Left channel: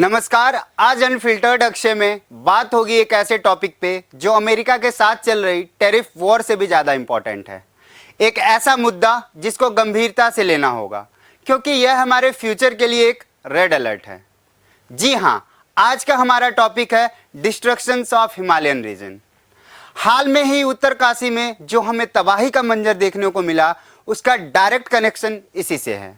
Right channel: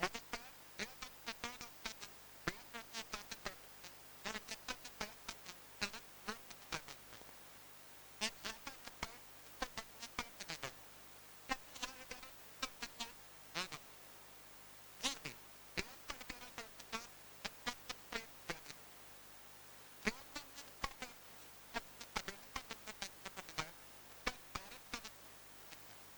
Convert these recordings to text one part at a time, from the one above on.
नमस्कार। आज अनफिल्टर्ड अक्षय में बात होगी एक ऐसे टॉपिक पे जो अमेरिका के साथ चल रही टैरिफ वॉर से भी ज़्यादा इम्पोर्टेंट है। एक ऐसा मुद्दा जिसको गंभीरता से लेना होगा क्योंकि यह हमारे फ्यूचर के लिए एक रेड अलर्ट है। जी हाँ, आज का हमारा टॉपिक है डिस्ट्रक्शंस ऑफ हिमालयन रीजन। हाल में ही उत्तरकाशी में जो हमें तबाही का मंजर देखने को मिला, उसका डायरेक्ट कनेक्शन इसी से है।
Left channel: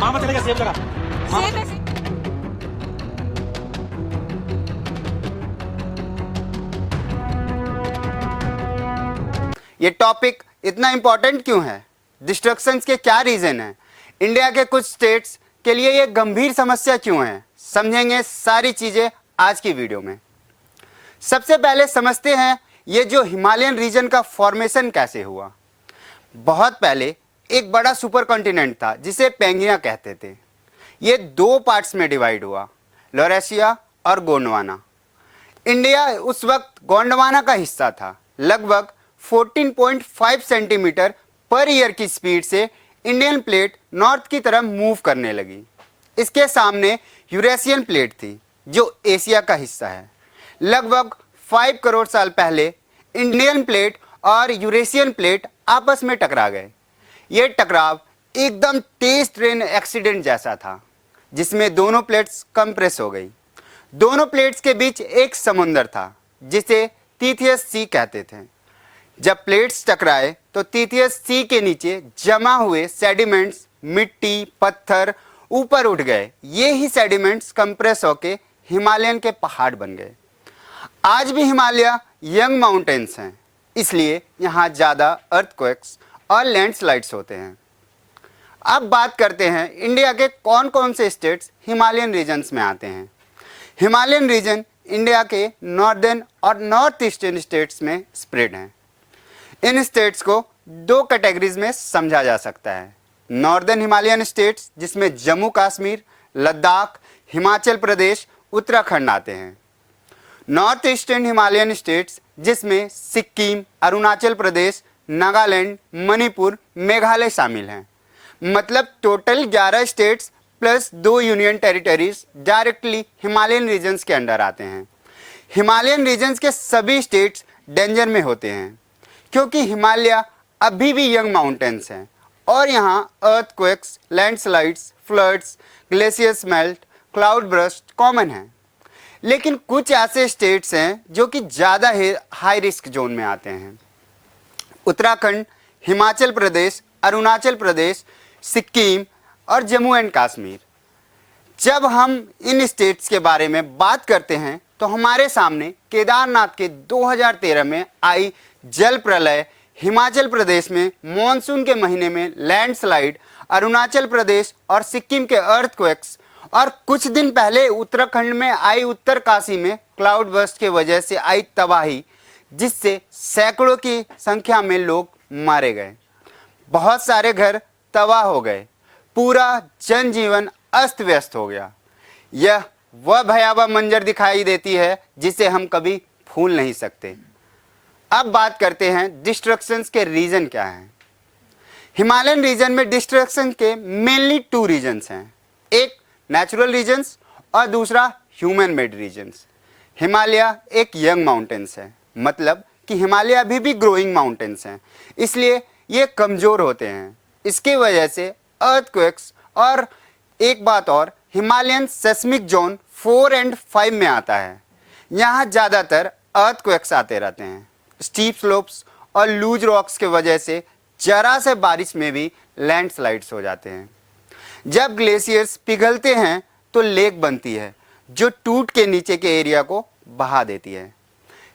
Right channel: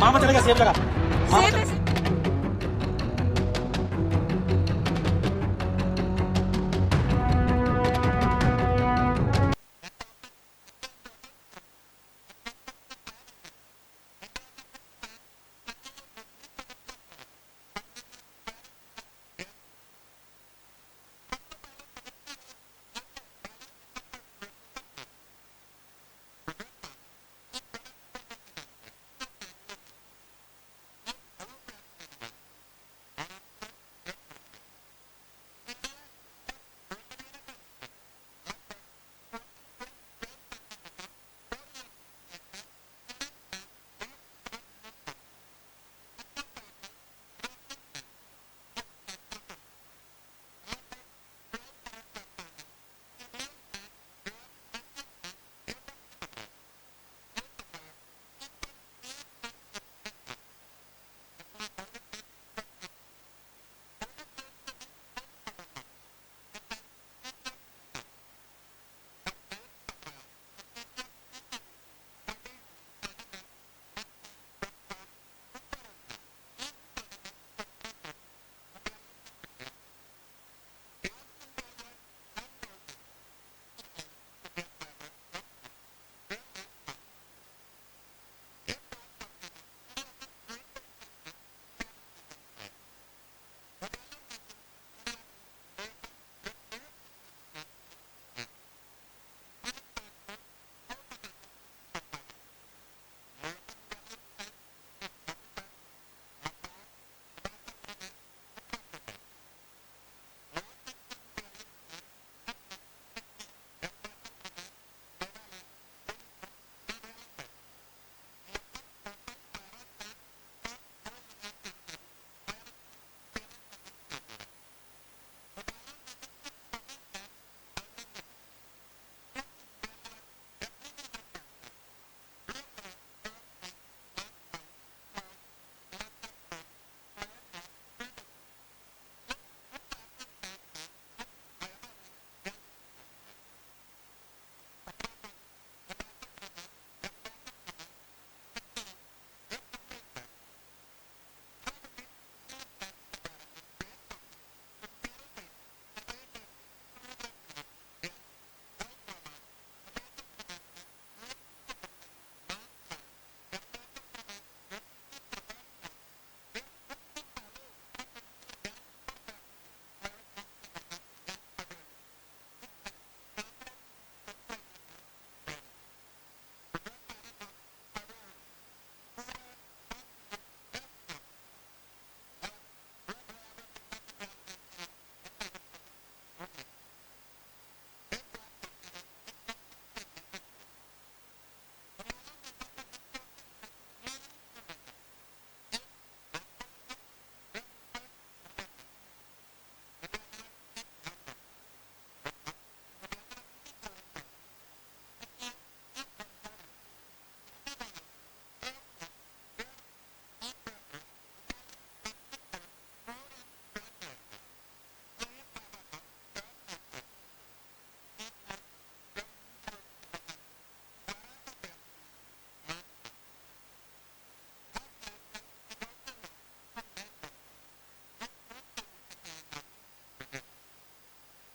मामा चलेगा सेब लगा मामा चलेगा। ये टॉपिक इतना इंपॉर्टेंट क्यों है? डिस्ट्रक्शंस के क्या रीजन है? इंडिया के कुछ स्टेट्स के लिए ये गंभीर समस्या क्यों है? समझेंगे सारी चीजें आज की वीडियो में। सबसे पहले समझते हैं ये जो हिमालयन रीजन का फॉर्मेशन कैसे हुआ। बहुत पहले एक बड़ा सुपर कॉन्टिनेंट था जिसे पेंगिया कहते थे। ये दो पार्ट्स में डिवाइड हुआ, लॉरेशिया और गोंडवाना। इंडिया उस वक्त गोंडवाना का हिस्सा था। लगभग 14.5 सेंटीमीटर पर ईयर की स्पीड से इंडियन प्लेट नॉर्थ की तरफ मूव करने लगी। इसके सामने यूरेशियन प्लेट थी जो एशिया का हिस्सा है। लगभग 5 करोड़ साल पहले इंडियन प्लेट और यूरेशियन प्लेट आपस में टकरा गए। यह टकराव एकदम तेज ट्रेन एक्सीडेंट जैसा था जिसमें दोनों प्लेट्स कंप्रेस हो गई। दोनों प्लेट्स के बीच एक समुद्र था जिसे तीथियस सी कहते थे। जब प्लेट्स टकराए तो तीथियस सी के नीचे जमा हुए सेडिमेंट्स, मिट्टी, पत्थर ऊपर उठ गए। ये ही सेडिमेंट्स कंप्रेस होके हिमालयन के पहाड़ बन गए। आज भी हिमालय यंग माउंटेन्स हैं, इसलिए यहाँ ज़्यादा अर्थक्वेक्स और लैंडस्लाइड्स होते हैं। अब बात करते हैं इंडिया के कौन कौन से स्टेट्स हिमालयन रीजन्स में आते हैं। हिमालयन रीजन इंडिया के नॉर्दर्न और नॉर्थ ईस्टर्न स्टेट्स में स्प्रेड हैं। इन स्टेट्स को दो कैटेगरीज में समझा जा सकता है। नॉर्दर्न हिमालयन स्टेट्स जिसमें जम्मू कश्मीर, लद्दाख, हिमाचल प्रदेश, उत्तराखंड आते हैं। नॉर्थ ईस्टर्न हिमालयन स्टेट्स जिसमें सिक्किम, अरुणाचल प्रदेश, नागालैंड, मणिपुर, मेघालय शामिल हैं। मतलब total 11 states plus 2 union territories directly Himalayan regions के अंडर आते हैं। हिमालयन रीजन्स के सभी स्टेट्स डेंजर में होते हैं क्योंकि हिमालय अभी भी यंग माउंटेन्स हैं और यहाँ earthquakes, landslides, floods, glaciers melt, cloud burst common हैं। लेकिन कुछ ऐसे स्टेट्स हैं जो कि ज़्यादा हाई रिस्क जोन में आते हैं। उत्तराखंड, हिमाचल प्रदेश, अरुणाचल प्रदेश, सिक्किम और जम्मू एंड कश्मीर। जब हम इन स्टेट्स के बारे में बात करते हैं तो हमारे सामने केदारनाथ के 2013 में आई जल प्रलय, हिमाचल प्रदेश में मॉनसून के महीने में लैंडस्लाइड, अरुणाचल प्रदेश और सिक्किम के अर्थक्वेक्स और कुछ दिन पहले उत्तराखंड में आई उत्तरकाशी में क्लाउड बर्स्ट की वजह से आई तबाही, जिससे सैकड़ों की संख्या में लोग मारे गए। बहुत सारे घर तबाह हो गए। पूरा जनजीवन अस्त व्यस्त हो गया। यह वह भयावह मंजर दिखाई देती है जिसे हम कभी भूल नहीं सकते। अब बात करते हैं डिस्ट्रक्शंस के रीजन क्या हैं। हिमालयन रीजन में डिस्ट्रक्शन के मेनली 2 रीजन्स हैं, एक नेचुरल रीजन्स और दूसरा ह्यूमन मेड रीजन्स। हिमालय एक यंग माउंटेन्स है, मतलब कि हिमालय अभी भी ग्रोइंग माउंटेन्स हैं, इसलिए ये कमज़ोर होते हैं। इसकी वजह से अर्थक्वेक्स और एक बात और, हिमालयन सेस्मिक जोन 4 और 5 में आता है। यहाँ ज़्यादातर अर्थक्वेक्स आते रहते हैं। स्टीप स्लोप्स और लूज रॉक्स के वजह से जरा से बारिश में भी लैंडस्लाइड्स हो जाते हैं। जब ग्लेशियर्स पिघलते हैं तो लेक बनती है जो टूट के नीचे के एरिया को बहा देती है।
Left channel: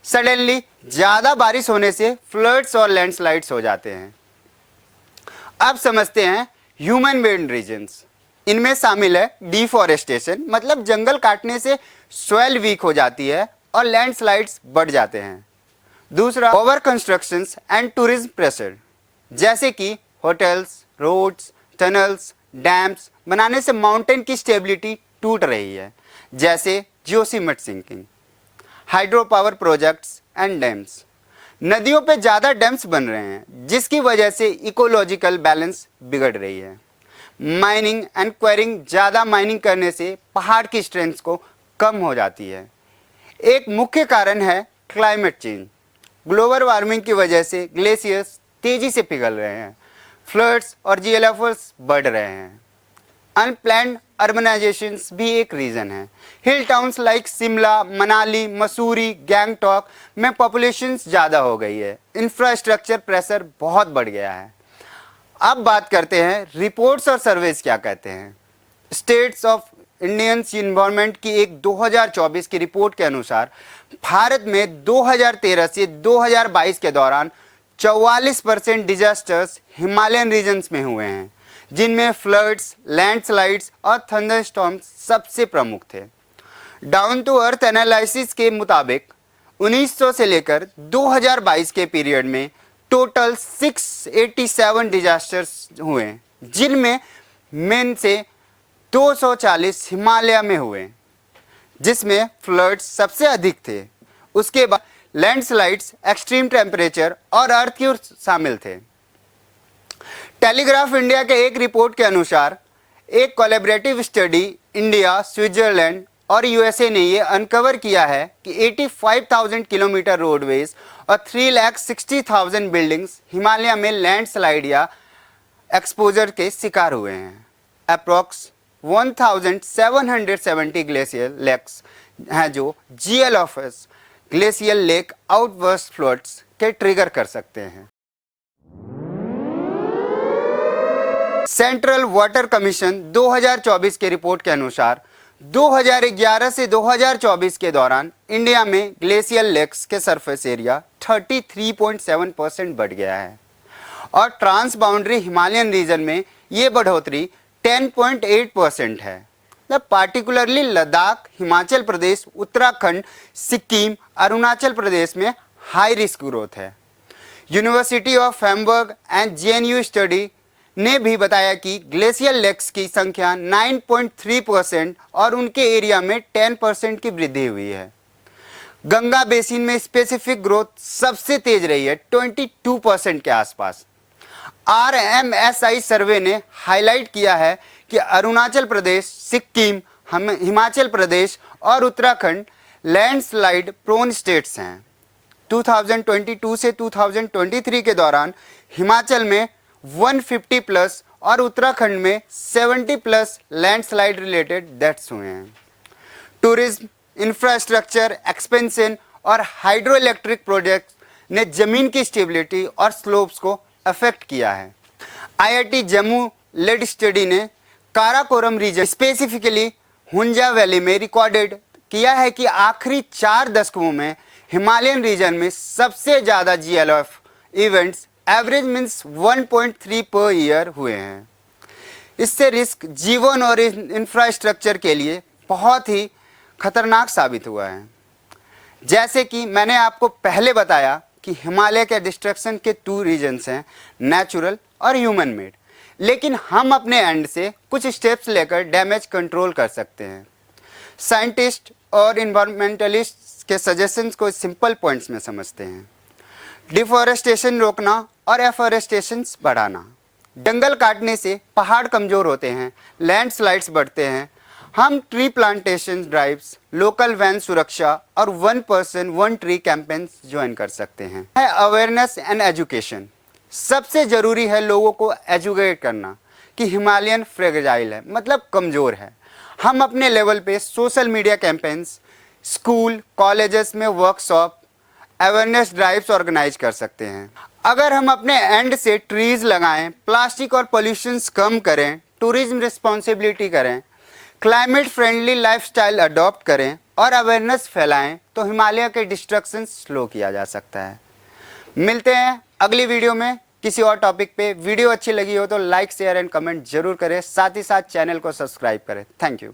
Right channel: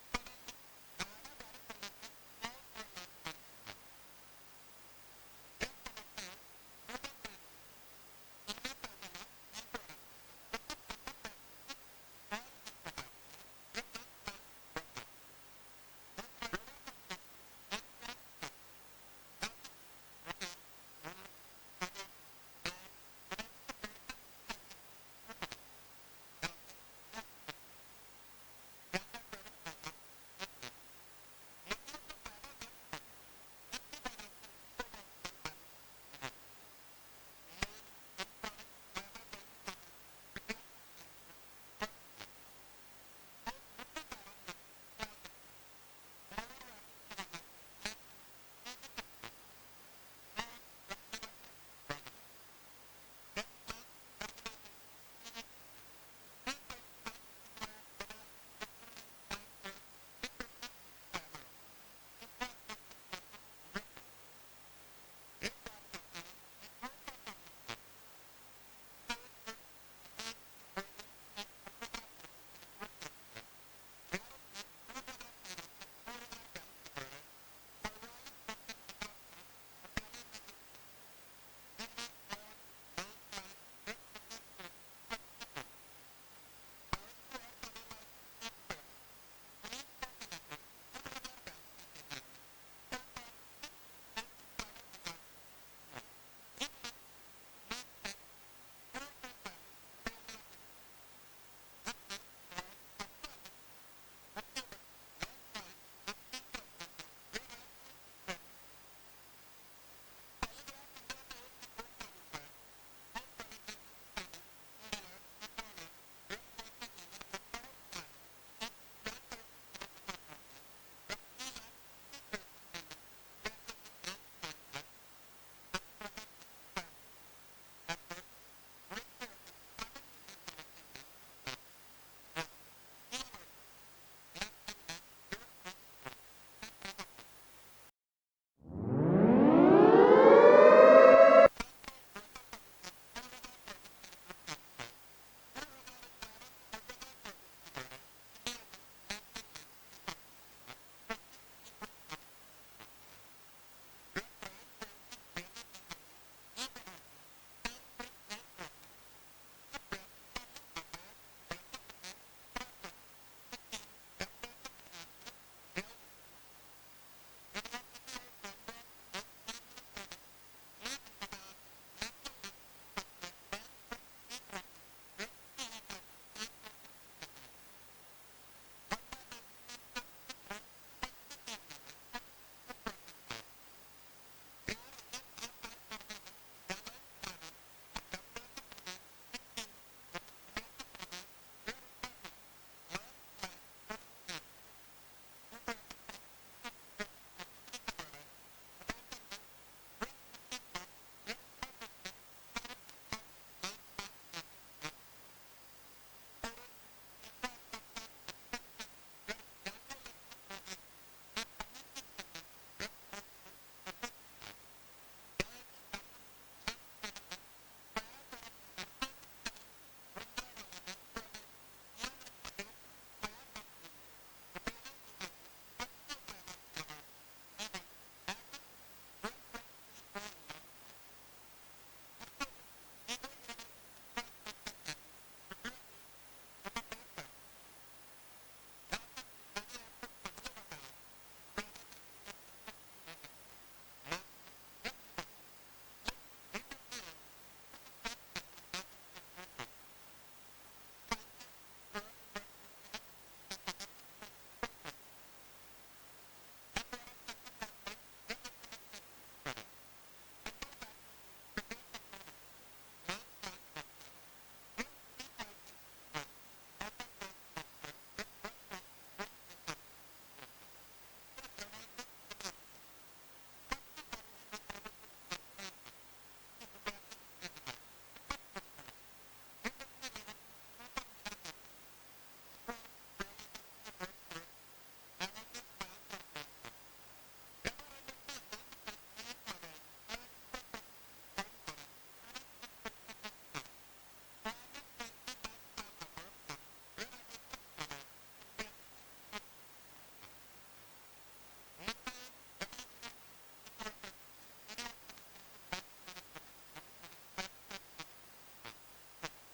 सडनली ज़्यादा बारिश होने से फ्लड्स और लैंडस्लाइड्स हो जाते हैं। अब समझते हैं ह्यूमन मेड रीजन्स। इनमें शामिल है डिफॉरेस्टेशन, मतलब जंगल काटने से सॉइल वीक हो जाती है और लैंडस्लाइड्स बढ़ जाते हैं। दूसरा, over constructions and tourism pressure, जैसे कि होटल्स, रोड्स, टनल्स, डैम्स बनाने से माउंटेन की स्टेबिलिटी टूट रही है, जैसे Joshimath sinking, hydro power projects and dams. नदियों पे ज़्यादा डैम्स बन रहे हैं, जिसकी वजह से इकोलॉजिकल बैलेंस बिगड़ रही है। माइनिंग एंड क्वेरिंग, ज़्यादा माइनिंग करने से पहाड़ की स्ट्रेंथ को कम हो जाती है। एक मुख्य कारण है क्लाइमेट चेंज। ग्लोबल वार्मिंग की वजह से ग्लेशियर्स तेजी से पिघल रहे हैं, फ्लड्स और जीएलएफएस बढ़ रहे हैं। अनप्लैन्ड अर्बनाइजेशंस भी एक रीज़न है। हिल टाउन्स लाइक शिमला, मनाली, मसूरी, गैंगटॉक में पॉपुलेशंस ज़्यादा हो गई है। इंफ्रास्ट्रक्चर प्रेशर बहुत बढ़ गया है। अब बात करते हैं रिपोर्ट्स और सर्वेज क्या कहते हैं। स्टेट्स ऑफ इंडियन इन्वायरमेंट की एक 2024 की रिपोर्ट के अनुसार भारत में 2013 से 2022 के दौरान 44% डिजास्टर्स हिमालयन रीजन्स में हुए हैं, जिनमें फ्लड्स, लैंडस्लाइड्स और थंडरस्टॉर्म्स सबसे प्रमुख थे। डाउन टू अर्थ एनालिसिस के मुताबिक 1900 से लेकर 2022 के पीरियड में टोटल 687 डिजास्टर्स हुए, जिनमें में से 240 हिमालय में हुए, जिसमें फ्लड्स सबसे अधिक थे। उसके बाद लैंडस्लाइड्स, एक्सट्रीम टेम्परेचर और अर्थक्वेक शामिल थे। टेलीग्राफ इंडिया के एक रिपोर्ट के अनुसार एक कोलैबोरेटिव स्टडी इंडिया, स्विट्जरलैंड और यूएसए ने ये अनकवर किया है कि 85,000 किलोमीटर रोडवेज और 3,60,000 बिल्डिंग्स हिमालय में लैंडस्लाइड या एक्सपोजर के शिकार हुए हैं। अप्रॉक्स 1770 ग्लेशियर लेक्स हैं जो जीएलएफएस, ग्लेशियल लेक आउटबर्स्ट फ्लड्स के ट्रिगर कर सकते हैं। सेंट्रल वाटर कमीशन 2024 के रिपोर्ट के अनुसार 2011 से 2024 के दौरान इंडिया में ग्लेशियल लेक्स के सरफेस एरिया 33.7% बढ़ गया है और ट्रांस बाउंड्री हिमालयन रीजन में ये बढ़ोतरी 10.8% है। पार्टिकुलरली लद्दाख, हिमाचल प्रदेश, उत्तराखंड, सिक्किम, अरुणाचल प्रदेश में हाई रिस्क ग्रोथ है। University of Hamburg and JNU study ने भी बताया कि ग्लेशियल लेक्स की संख्या 9.3% और उनके एरिया में 10% की वृद्धि हुई है। गंगा बेसिन में स्पेसिफिक ग्रोथ सबसे तेज रही है, 22% के आसपास। RMSI सर्वे ने हाईलाइट किया है कि अरुणाचल प्रदेश, सिक्किम, हिमाचल प्रदेश और उत्तराखंड लैंडस्लाइड प्रोन स्टेट्स हैं। 2022 से 2023 के दौरान हिमाचल में 150 प्लस और उत्तराखंड में 70 प्लस लैंडस्लाइड रिलेटेड डेथ्स हुए हैं। टूरिज्म, इंफ्रास्ट्रक्चर एक्सपेंशन और हाइड्रो इलेक्ट्रिक प्रोजेक्ट ने जमीन की स्टेबिलिटी और स्लोप्स को अफेक्ट किया है। IIT जम्मू लेड स्टडी ने Karakoram region, specifically Hunza valley में रिकॉर्डेड किया है कि आखिरी 4 दशकों में हिमालयन रीजन में सबसे ज़्यादा GLF events average means 1.3 per year हुए हैं। इससे रिस्क जीवन और इंफ्रास्ट्रक्चर के लिए बहुत ही खतरनाक साबित हुआ है। जैसे कि मैंने आपको पहले बताया कि हिमालय के डिस्ट्रक्शन के 2 रीजन्स हैं, नेचुरल और ह्यूमन मेड, लेकिन हम अपने एंड से कुछ स्टेप्स लेकर डैमेज कंट्रोल कर सकते हैं। साइंटिस्ट और इन्वायरमेंटलिस्ट के सजेशंस को सिंपल पॉइंट्स में समझते हैं। डिफॉरेस्टेशन रोकना और एफॉरेस्टेशन बढ़ाना। जंगल काटने से पहाड़ कमज़ोर होते हैं, लैंडस्लाइड्स बढ़ते हैं। हम ट्री प्लांटेशन ड्राइव्स, लोकल वैन सुरक्षा और 1 पर्सन 1 ट्री कैंपेन्स ज्वाइन कर सकते हैं। Awareness and education. सबसे ज़रूरी है लोगों को एजुकेट करना कि हिमालयन फ्रेजाइल है, मतलब कमज़ोर है। हम अपने लेवल पे social media campaigns, school, colleges में वर्कशॉप, अवेयरनेस ड्राइव्स ऑर्गेनाइज कर सकते हैं। अगर हम अपने एंड से ट्रीज लगाएं, प्लास्टिक और पोल्यूशंस कम करें, टूरिज्म रिस्पॉन्सिबिलिटी करें, क्लाइमेट फ्रेंडली लाइफस्टाइल अडॉप्ट करें और अवेयरनेस फैलाएं, तो हिमालय के डिस्ट्रक्शन स्लो किया जा सकता है। मिलते हैं अगली वीडियो में किसी और टॉपिक पे। वीडियो अच्छी लगी हो तो लाइक, शेयर एंड कमेंट जरूर करें, साथ ही साथ चैनल को सब्सक्राइब करें। Thank you.